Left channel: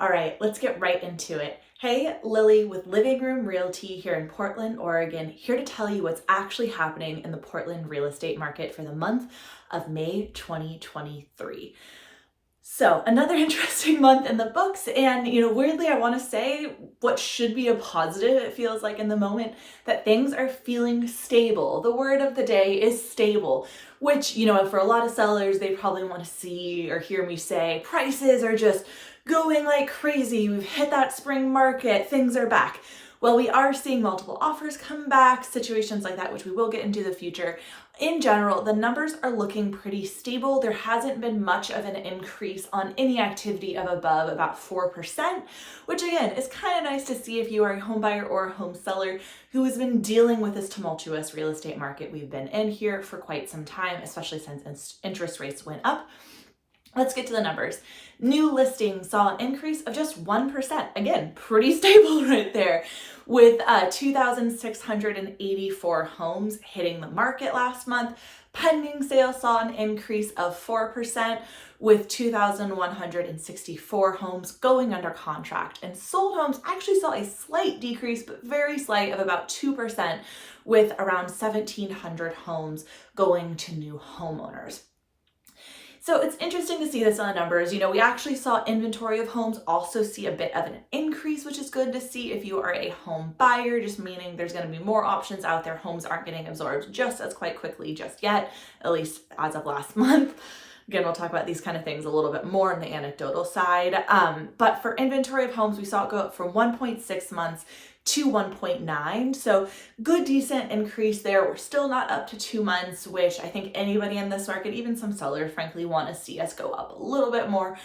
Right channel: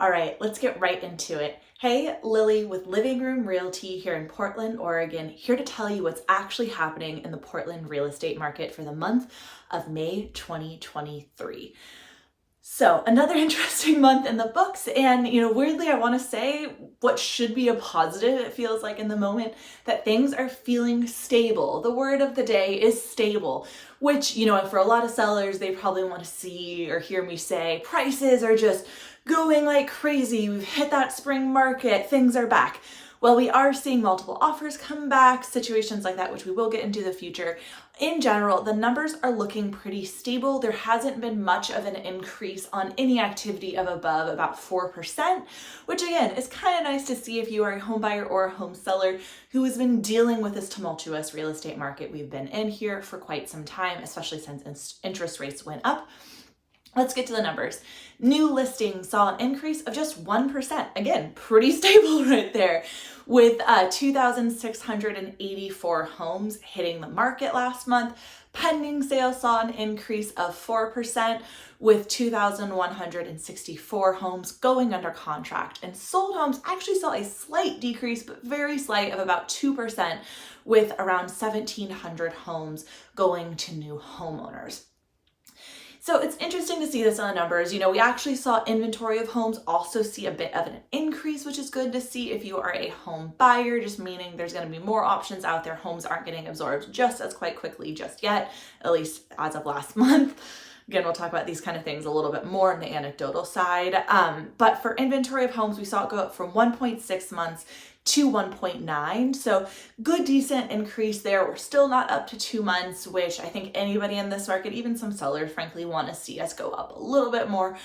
All right, let's get right into it. Hey, Lily with Living Room Realty here in Portland, Oregon, here to tell you what's actually happening in the Portland real estate market for the month of May 2023. So, another interesting month in the books, and weirdly, I want to say what should be a positive. It feels like in the moment that things are feeling stable. The word of the day is stable, which, for a lot of sellers, they probably want to see or hear me say prices are just going like crazy. We've hit that spring market, things are back. Well, we are seeing multiple offers come back, situations like that, which we will get into the future. In general, the numbers are looking pretty stable. There hasn't been much of an increase on any activity of above about 4%, which again is kind of nice to see if you are a home buyer or a home seller who has been dealing with this tumultuous real estate market. We've been in here for quite some time, especially since interest rates went up. Let's get to the numbers. New listings saw an increase of just 1%. Again, pretty stable right there, with 2,684 homes hitting the market last month. Pending sales saw an increase of 4%, with 2,164 homes going under contract. And sold homes actually saw a slight decrease, but very slight, of about 2%, with around 1,700 homes going to new homeowners. So it's interesting to see this on the numbers. We actually saw inventory of homes also see a bit of an increase, which is good to see if you are a home buyer, just meaning there's going to be more options out there. Homes aren't getting absorbed just as quite quickly just yet, at least as of last month. Again, we'll talk about these kind of things a little bit more on the anecdotal side. But for inventory of homes, we saw it go up from 1.6 months to 1.9. So good, decent increase there. We're still not up to 2 months, which I think anybody in this market, even some sellers, frankly, want to see us go up a little bit more.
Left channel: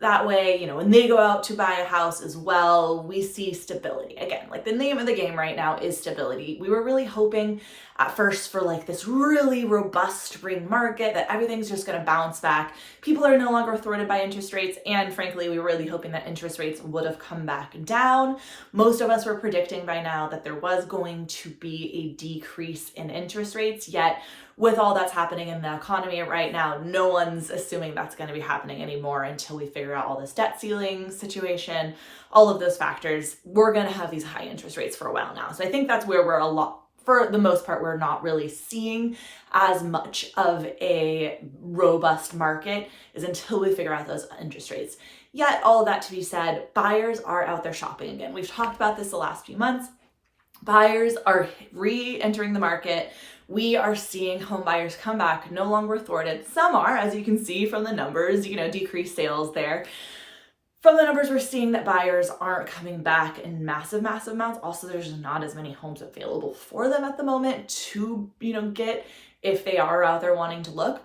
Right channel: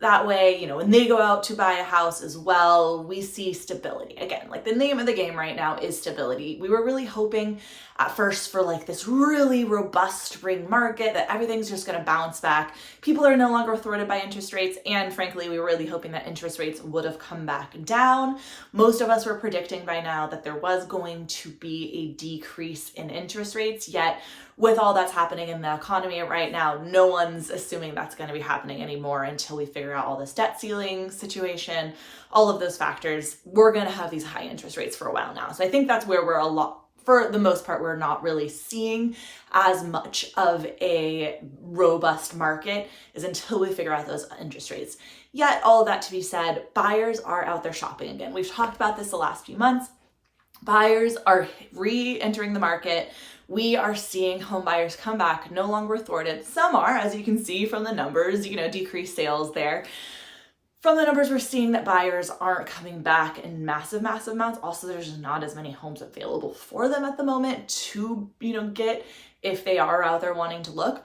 That way, when they go out to buy a house as well, we see stability. Again, like the name of the game right now is stability. We were really hoping at first for like this really robust spring market, that everything's just going to bounce back. People are no longer thwarted by interest rates. And frankly, we were really hoping that interest rates would have come back down. Most of us were predicting by now that there was going to be a decrease in interest rates, yet with all that's happening in the economy right now, no one's assuming that's going to be happening anymore until we figure out all this debt ceiling situation, all of those factors. We're going to have these high interest rates for a while now. So I think that's where for the most part, we're not really seeing as much of a robust market is until we figure out those interest rates. Yet, all of that to be said, buyers are out there shopping again. We've talked about this the last few months. Buyers are re-entering the market. We are seeing home buyers come back, no longer thwarted. Some are, as you can see from the numbers, decreased sales there. From the numbers, we're seeing that buyers aren't coming back in massive amounts. Also, there's not as many homes available for them at the moment to, get if they are out there wanting to look.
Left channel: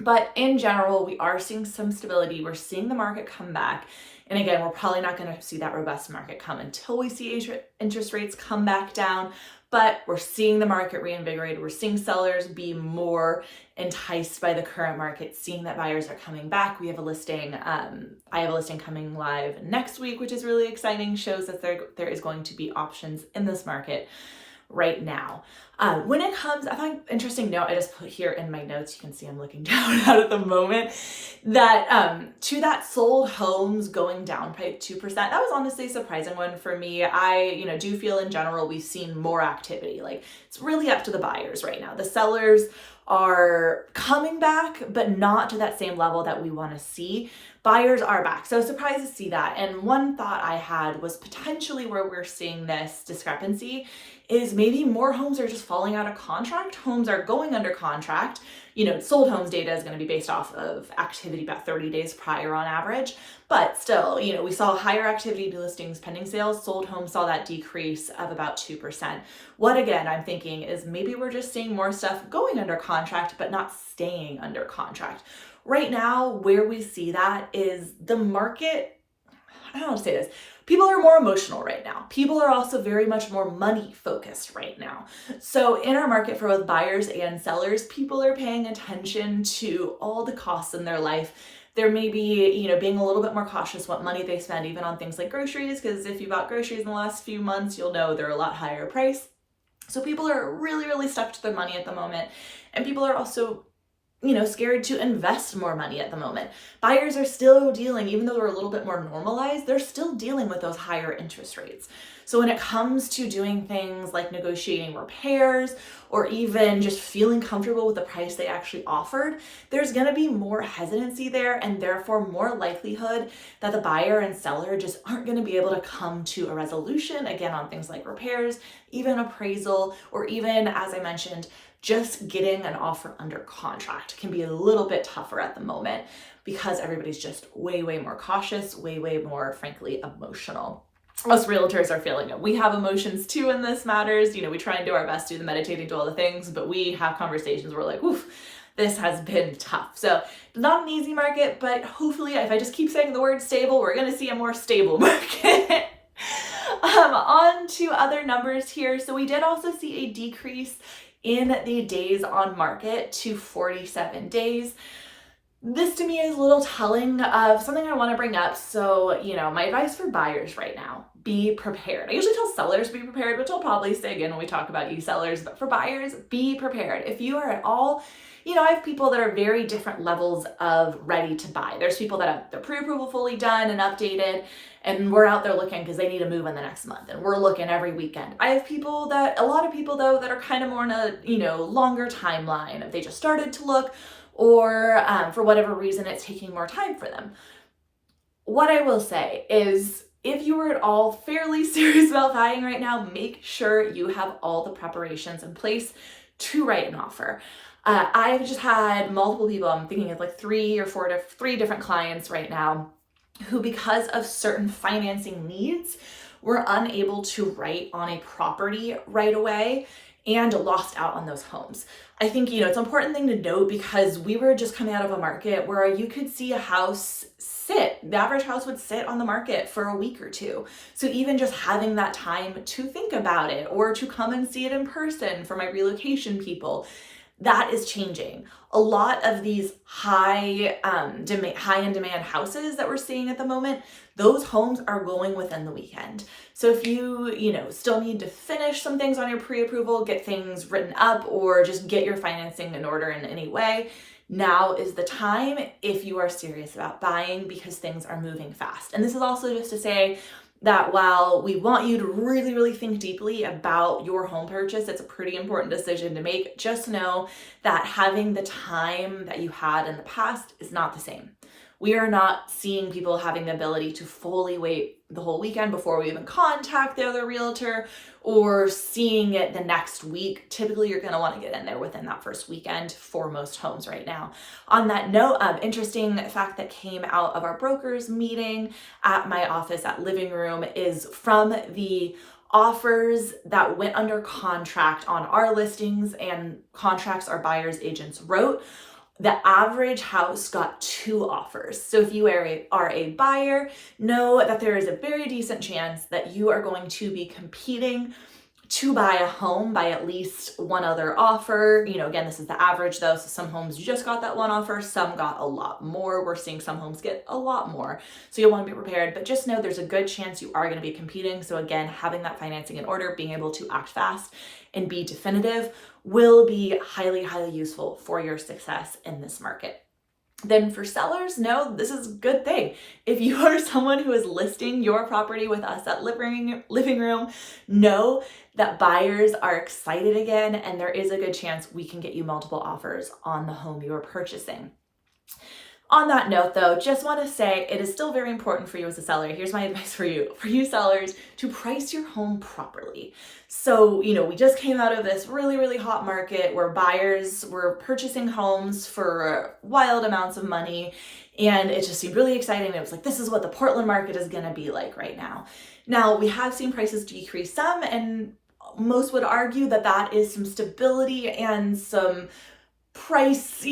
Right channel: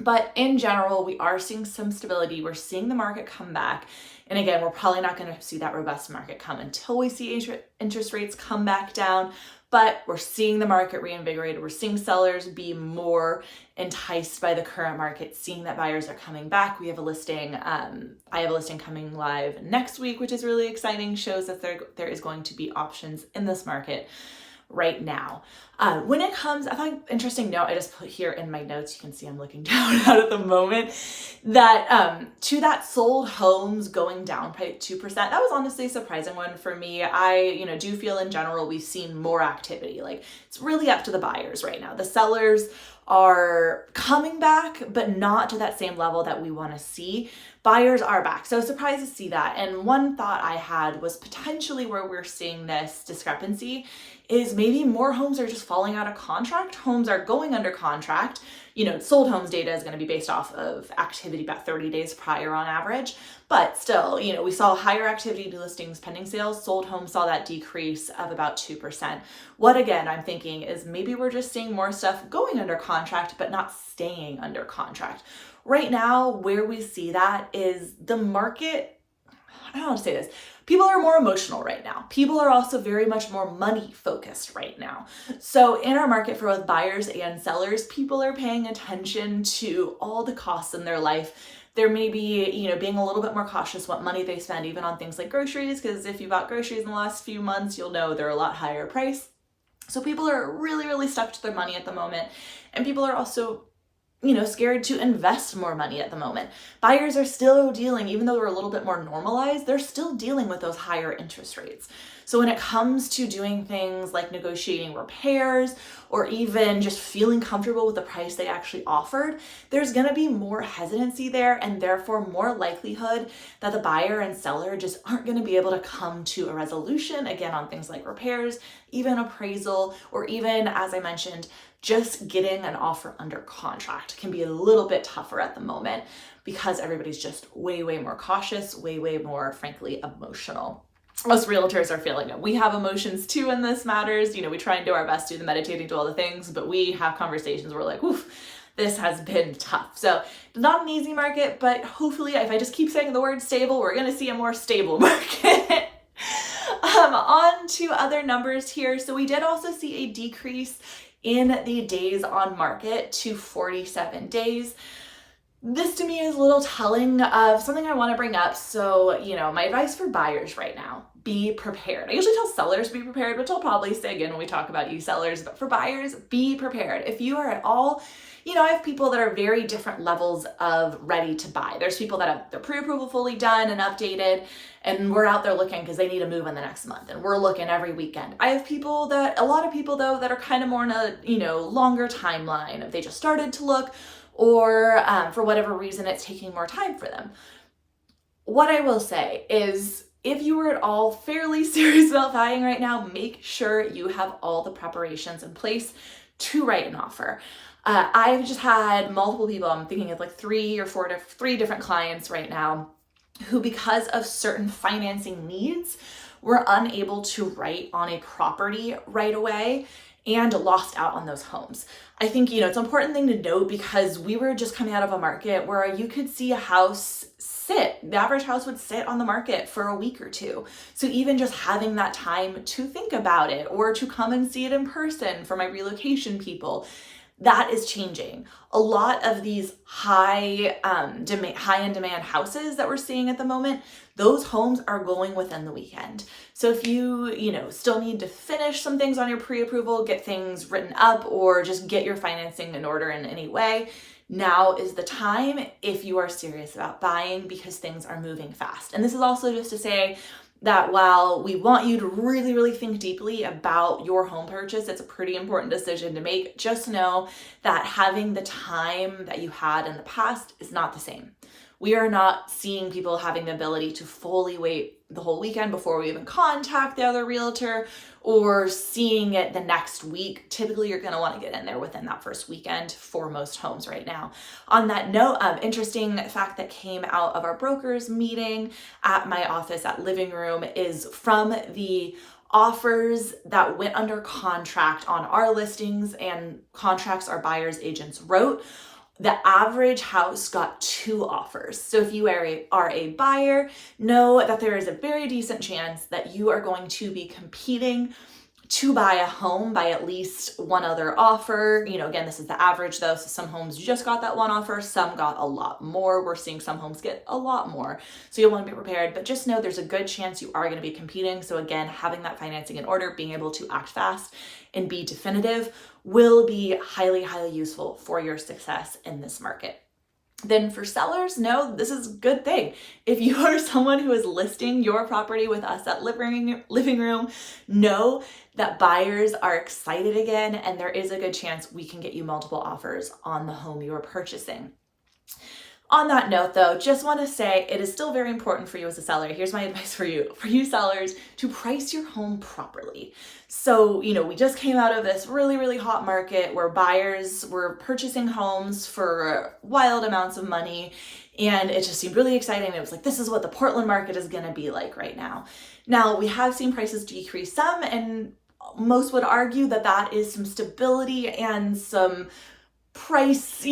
But in general, we are seeing some stability. We're seeing the market come back. And again, we're probably not going to see that robust market come until we see interest rates come back down. But we're seeing the market reinvigorated. We're seeing sellers be more enticed by the current market, seeing that buyers are coming back. We have a listing. I have a listing coming live next week, which is really exciting. Shows that there is going to be options in this market right now. When it comes, I find interesting note, I just put here in my notes, you can see I'm looking down at the moment, that to that sold homes going down by 2%, that was honestly a surprising one for me. I, do feel in general, we've seen more activity. Like it's really up to the buyers right now. The sellers are coming back, but not to that same level that we want to see. Buyers are back. So surprised to see that. And one thought I had was potentially where we're seeing this discrepancy is maybe more homes are just falling out of contract. Homes are going under contract. Sold homes data is going to be based off of activity about 30 days prior on average. But still, we saw higher activity to listings pending sales. Sold homes saw that decrease of about 2%. What again, I'm thinking is maybe we're just seeing more stuff going under contract, but not staying under contract. Right now, where we see that is the market, I don't know how to say this. People are more emotional right now. People are also very much more money focused right now. So in our market for both buyers and sellers, people are paying attention to all the costs in their life. There may be, being a little bit more cautious what money they spend, even on things like groceries, because if you bought groceries in the last few months, you'll know they're a lot higher price. So people are really, really stuck to their money at the moment. And people are also scared to invest more money at the moment. Buyers are still dealing, even though they're a little bit more normalized, they're still dealing with those higher interest rates. So when it comes to doing things like negotiating repairs or even just feeling comfortable with the price they actually offered, there's going to be more hesitancy there, and therefore more likelihood that the buyer and seller just aren't going to be able to come to a resolution, again, on things like repairs, even appraisal, or even, as I mentioned, just getting an offer under contract can be a little bit tougher at the moment because everybody's just way, way more cautious, way, way more, frankly, emotional. Most realtors are feeling it. We have emotions too in this matters. We try and do our best to do the meditating, do all the things, but we have conversations where we're like, oof, this has been tough. So not an easy market, but hopefully if I just keep saying the word stable, we're going to see a more stable market. On to other numbers here. So we did also see a decrease in the days on market to 47 days. This to me is a little telling of something I want to bring up. So, my advice for buyers right now, be prepared. I usually tell sellers be prepared, which I'll probably say again when we talk about you sellers, but for buyers, be prepared. If you are at all, I have people that are very different levels of ready to buy. There's people that have their pre-approval fully done and updated, and we're out there looking because they need to move in the next month, and we're looking every weekend. I have a lot of people though, that are kind of more in a, longer timeline. If they just started to look, or for whatever reason, it's taking more time for them. What I will say is, if you are at all fairly serious about buying right now, make sure you have all the preparations in place to write an offer. I've just had multiple people, I'm thinking of like three different clients right now, who because of certain financing needs were unable to write on a property right away and lost out on those homes. I think, it's an important thing to note because we were just coming out of a market where you could see a house the average house would sit on the market for a week or two. So even just having that time to think about it or to come and see it in person for my relocation people, that is changing. A lot of these high end demand houses that we're seeing at the moment, those homes are going within the weekend. So if you, still need to finish some things on your pre-approval, get things written up, or just get your financing in order in any way, now is the time if you are serious about buying, because things are moving fast. And this is also just to say that while we want you to really, really think deeply about your home purchase, it's a pretty important decision to make. Just know that having the time that you had in the past is not the same. We are not seeing people having the ability to fully wait the whole weekend before we even contact the other realtor, or seeing it the next week. Typically, you're going to want to get in there within that first weekend for most homes right now. On that note, interesting fact that came out of our brokers meeting at my office at Living Room is from the offers that went under contract on our listings and contracts our buyers agents wrote. The average house got 2 offers. So if you are a buyer, know that there is a very decent chance that you are going to be competing to buy a home by at least one other offer. Again, this is the average though. So some homes just got that one offer, some got a lot more. We're seeing some homes get a lot more. So you'll want to be prepared, but just know there's a good chance you are going to be competing. So again, having that financing in order, being able to act fast and be definitive will be highly, highly useful for your success in this market. Then for sellers, no, this is a good thing. If you are someone who is listing your property with us at Living Room, know that buyers are excited again, and there is a good chance we can get you multiple offers on the home you are purchasing. On that note though, just want to say it is still very important for you as a seller. Here's my advice for you sellers, to price your home properly. So, we just came out of this really, really hot market where buyers were purchasing homes for wild amounts of money, and it just seemed really exciting. It was like, this is what the Portland market is going to be like right now. Now, we have seen prices decrease some, and most would argue that that is some stability and some price,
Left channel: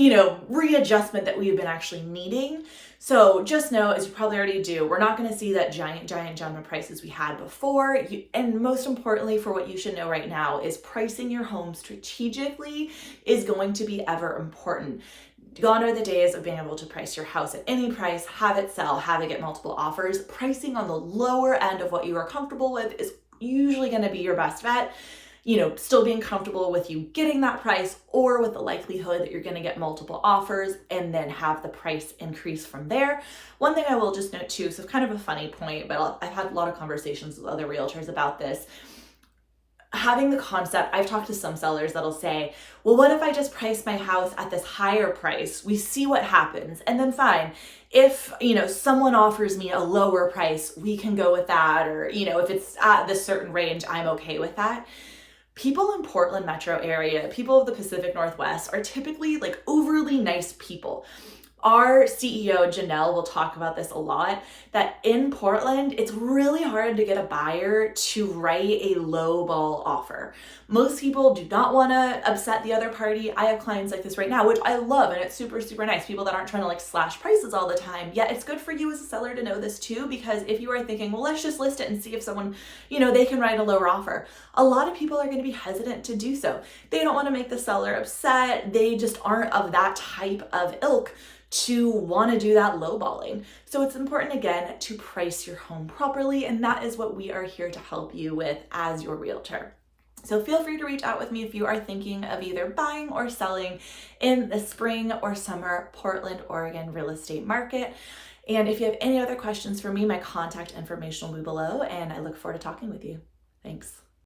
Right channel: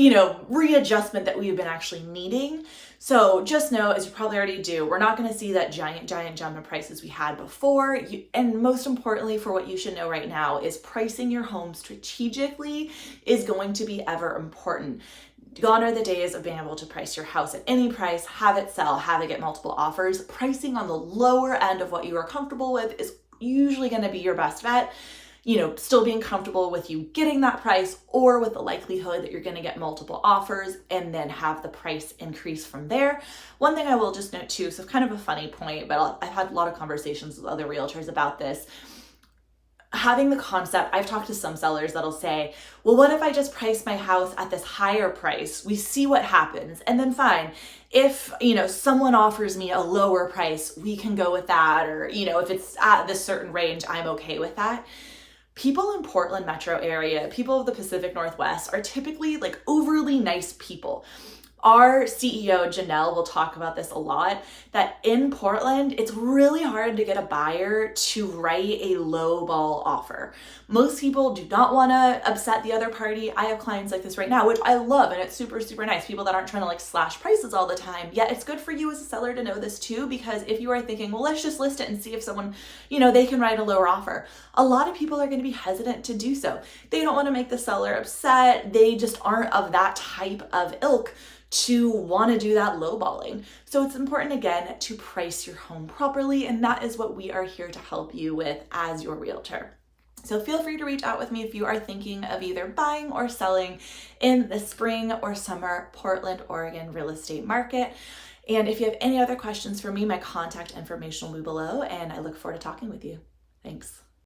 readjustment that we've been actually needing. So just know, as you probably already do, we're not going to see that giant jump in prices we had before. And most importantly, for what you should know right now, is pricing your home strategically is going to be ever important. Gone are the days of being able to price your house at any price, have it sell, have it get multiple offers. Pricing on the lower end of what you are comfortable with is usually going to be your best bet. still being comfortable with you getting that price, or with the likelihood that you're going to get multiple offers and then have the price increase from there. One thing I will just note too, so kind of a funny point, but I've had a lot of conversations with other realtors about this. Having the concept, I've talked to some sellers that'll say, well, what if I just price my house at this higher price? We see what happens. And then fine, if, someone offers me a lower price, we can go with that. Or, if it's at this certain range, I'm okay with that. People in Portland metro area, people of the Pacific Northwest, are typically like overly nice people. Our CEO, Janelle, will talk about this a lot, that in Portland, it's really hard to get a buyer to write a low ball offer. Most people do not want to upset the other party. I have clients like this right now, which I love, and it's super, super nice. People that aren't trying to like slash prices all the time. Yet it's good for you as a seller to know this too, because if you are thinking, well, let's just list it and see if someone, they can write a lower offer. A lot of people are going to be hesitant to do so. They don't want to make the seller upset. They just aren't of that type of ilk to want to do that lowballing. So it's important, again, to price your home properly, and that is what we are here to help you with as your realtor. So feel free to reach out with me if you are thinking of either buying or selling in the spring or summer Portland, Oregon real estate market. And if you have any other questions for me, my contact information will be below, and I look forward to talking with you. Thanks.